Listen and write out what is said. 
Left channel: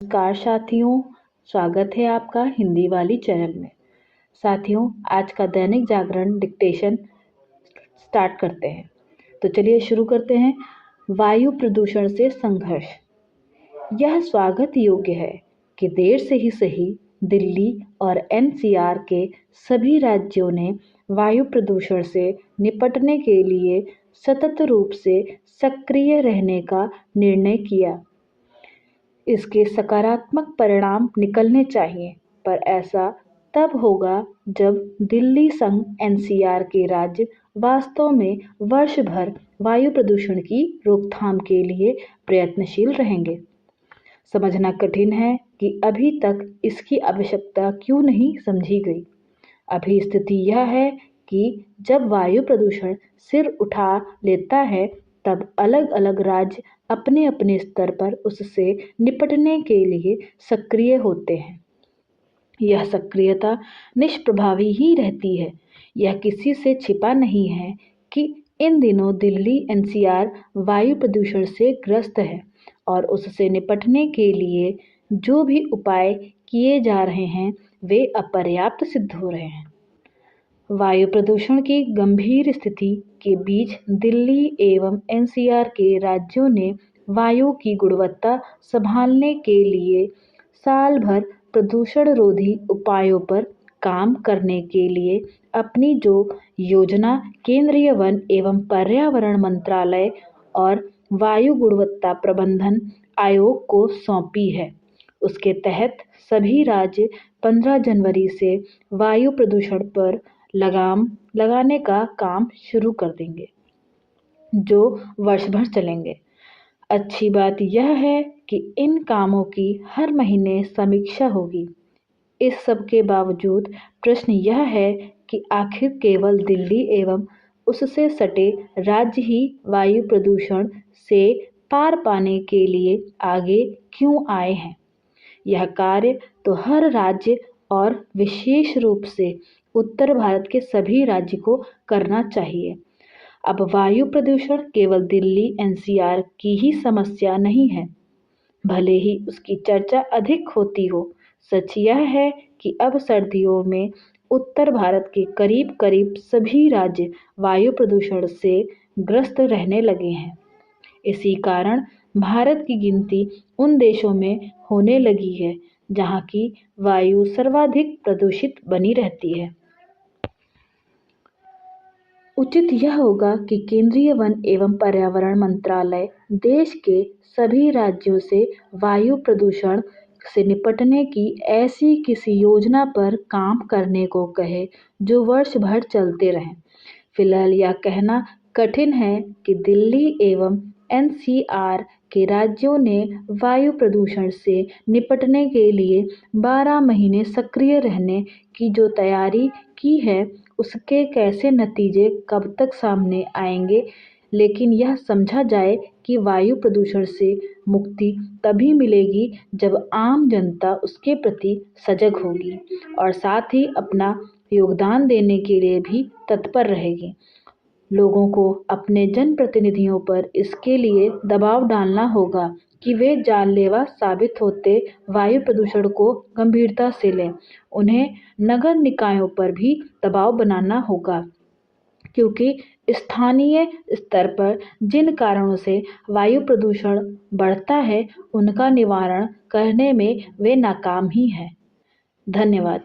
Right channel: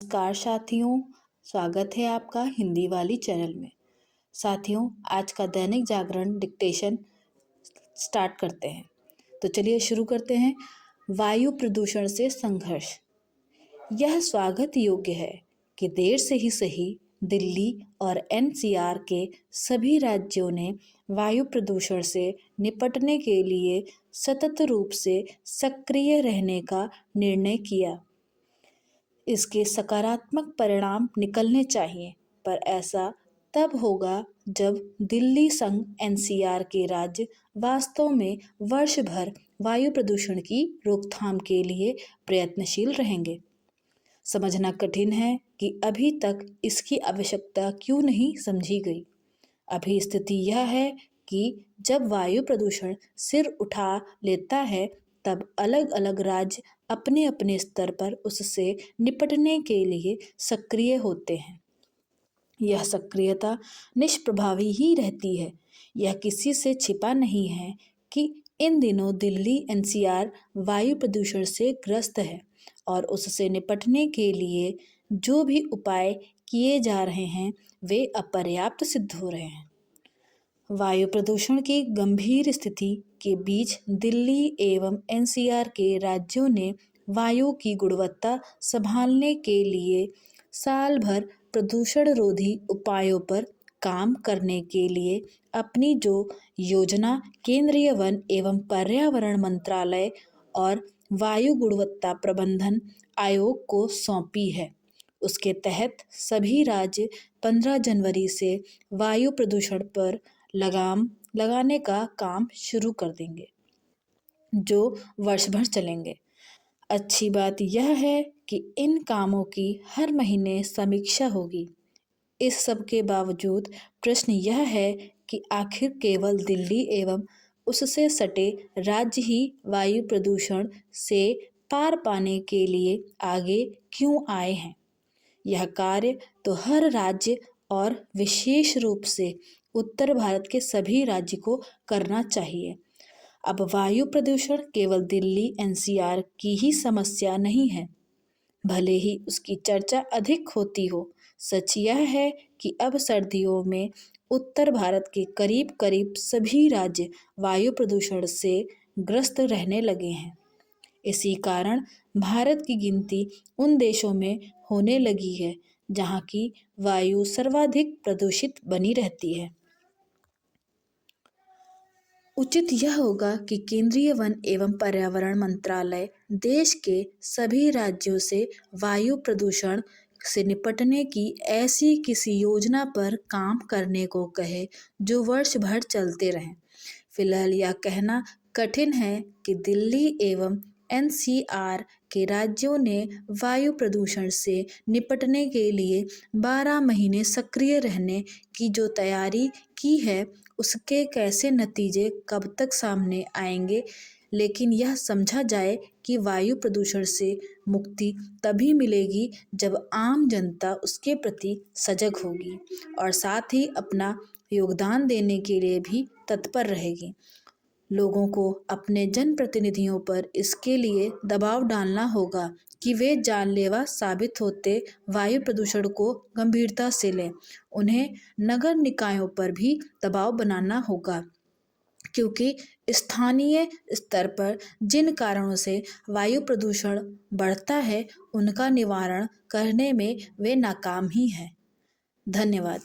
नमस्कार साथियों, स्वागत है आपका हिंदी वाली चैनल में। साथियों, आज का दैनिक जागरण डिक्टेशन स्टार्ट करते हैं। तो चलिए शुरू करते हैं। वायु प्रदूषण से संघर्ष। यह स्वागत योग्य है कि देर से ही सही दिल्ली और एनसीआर के सभी राज्यों ने वायु प्रदूषण से निपटने के लिए सतत रूप से सक्रिय रहने का निर्णय किया। इसके सकारात्मक परिणाम निकलने चाहिए, पर ऐसा तब होगा जब दिल्ली संग एनसीआर के राज्य वास्तव में वर्ष भर वायु प्रदूषण की रोकथाम के लिए प्रयत्नशील रहेंगे। समझना कठिन है कि अभी तक इसकी आवश्यकता क्यों नहीं समझी गई। अभी स्थिति यह है कि जब वायु प्रदूषण सिर उठा लेता है तब अलग अलग राज्य अपने अपने स्तर पर उससे निपटने के लिए सक्रिय होते हैं। यह सक्रियता निष्प्रभावी ही रहती है। यह किसी से छिपा नहीं है कि इन दिनों दिल्ली एनसीआर वायु प्रदूषण से ग्रस्त है और उससे निपटने के लिए जो भी उपाय किए जा रहे हैं वे अपर्याप्त सिद्ध हो रहे हैं। वायु प्रदूषण की गंभीर स्थिति के बीच दिल्ली एवं एनसीआर के राज्यों ने वायु की गुणवत्ता संभालने के लिए साल भर प्रदूषण रोधी उपायों पर काम करने के लिए अपनी जो योजना केंद्रीय वन एवं पर्यावरण मंत्रालय और वायु गुणवत्ता प्रबंधन आयोग को सौंपी है, उसके तहत सभी राज्य 15 जनवरी से वायु प्रदूषण पर लगाम लगाने का काम शुरू कर देंगे, जो वर्ष भर चलेंगे। अच्छी बात यह है कि इन कामों की हर महीने समीक्षा होगी। इस सब के बावजूद प्रश्न यह है कि आखिर केवल दिल्ली एवं उससे सटे राज्य ही वायु प्रदूषण से पार पाने के लिए आगे क्यों आए हैं। यह कार्य तो हर राज्य और विशेष रूप से उत्तर भारत के सभी राज्य को करना चाहिए। अब वायु प्रदूषण केवल दिल्ली एनसीआर की ही समस्या नहीं है, भले ही उसकी चर्चा अधिक होती हो। सच यह है कि अब सर्दियों में उत्तर भारत के करीब करीब सभी राज्य वायु प्रदूषण से ग्रस्त रहने लगे हैं। इसी कारण भारत की गिनती उन देशों में होने लगी है जहाँ की वायु सर्वाधिक प्रदूषित बनी रहती है। उचित यह होगा कि केंद्रीय वन एवं पर्यावरण मंत्रालय देश के सभी राज्यों से वायु प्रदूषण से निपटने की ऐसी किसी योजना पर काम करने को कहे जो वर्ष भर चलते रहें। फिलहाल यह कहना कठिन है कि दिल्ली एवं एनसीआर के राज्यों ने वायु प्रदूषण से निपटने के लिए 12 महीने सक्रिय रहने की जो तैयारी की है उसके कैसे नतीजे कब तक सामने आएंगे, लेकिन यह समझा जाए कि वायु प्रदूषण से मुक्ति तभी मिलेगी जब आम जनता उसके प्रति सजग होगी और साथ ही अपना योगदान देने के लिए भी तत्पर रहेगी। लोगों को अपने जनप्रतिनिधियों पर इसके लिए दबाव डालना होगा कि वे जानलेवा साबित होते वायु प्रदूषण को गंभीरता से लें। उन्हें नगर निकायों पर भी दबाव बनाना होगा, क्योंकि स्थानीय स्तर पर जिन कारणों से वायु प्रदूषण बढ़ता है उनका निवारण करने में वे नाकाम ही हैं। धन्यवाद।